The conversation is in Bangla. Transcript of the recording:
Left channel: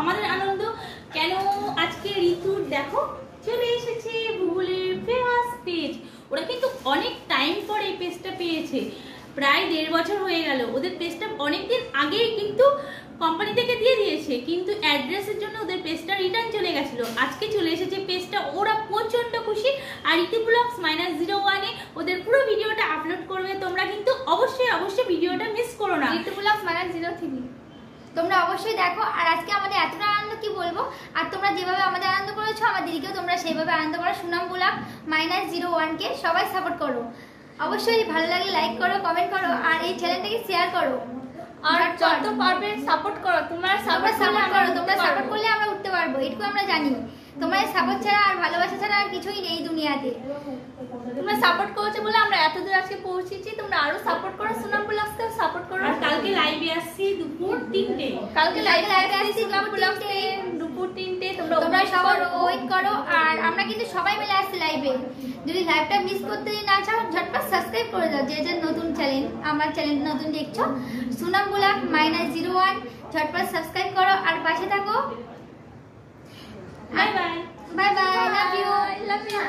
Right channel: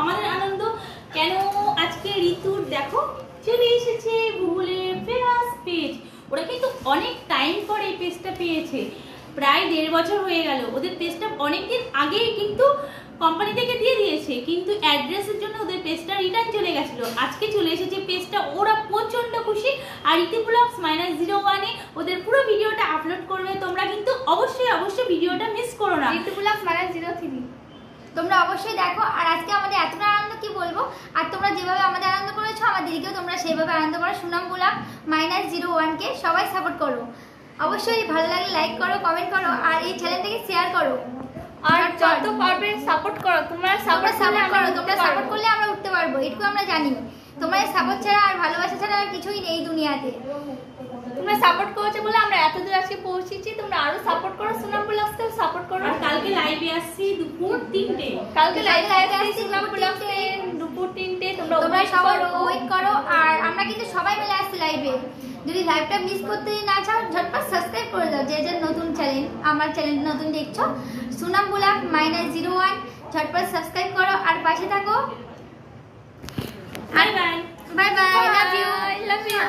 আমাদের আনন্দ। কেন আজকে ঋতুর দেখো চলে এসেছে ভূগোলের ফেমাস পেজ। ওরা কিন্তু অনেক টাইম পর এই পেজটা পেয়েছে, প্রায় 1.5 বছর হয়ে গেল। ওদের পেজটা অনেকদিন আগেই কিন্তু কোম্পানি থেকে দিয়ে দিয়েছে, কিন্তু অ্যাড্রেসের জন্য ওদের পেজটা রিটার্ন চলে গেছিল। আজকে চলে এসেছে পেজটা, ওরা প্রচন্ড খুশি। আর ইতি ব্লগস -01-এ ওদের পুরো ভিডিওটা আপলোড করবে, তোমরা কিন্তু অবশ্যই ভিডিওটা মিস করো না। ইতি ব্লগস -03 তোমরা অবশ্যই দেখো। আর আজকে আমাদের এতটা আনন্দ কি বলবো, আর তোমরা যেভাবে আমাদের আনন্দ করেছো আমাদেরকেও তোমরা সেইভাবে আনন্দ করো। সুনাম ব্লগ -01কে সবাই সাপোর্ট করো, অবশ্যই ভালো লাগলে লাইক করো, কমেন্ট করো, আর এই চ্যানেলটাকে শেয়ার করো। আর যত পারবে সাপোর্ট করো। তোমরা সাপোর্ট করো, তোমরা সাপোর্ট করলে আমরা উঠতে পারবো, এটুকু আমরা জানি। তোমার সাপোর্ট ছাড়া আর ভালোবাসা ছাড়া আর কিছুই নেই দুনিয়াতে। তোমরা সাপোর্ট করেছো বলে আমরা এতদূর আজকে পৌঁছেছি। তোমরা আরো সাপোর্ট করো, সুনাম ব্লগসকেও সাপোর্ট করো। আর কালকে লাইভে আসছি দুপুর 3টে। কালকে লাইভে আসছি সুনাম ব্লগসে দুপুর 3টে। তোমরা সবাই ওয়েট করো। আর আমরা কিন্তু সবাই মিলে আসছি লাইভে। যদি লাইভটা মিস করতে না চাও ঝটপট সাবস্ক্রাইব করে দাও। যে যে নতুন চ্যানেল, আমার চ্যানেল নতুন দেখছো, সুনাম ব্লগ -01, ঝটপট সাবস্ক্রাইব করো আর পাশে থাকো। Bye bye. Bye bye, love you.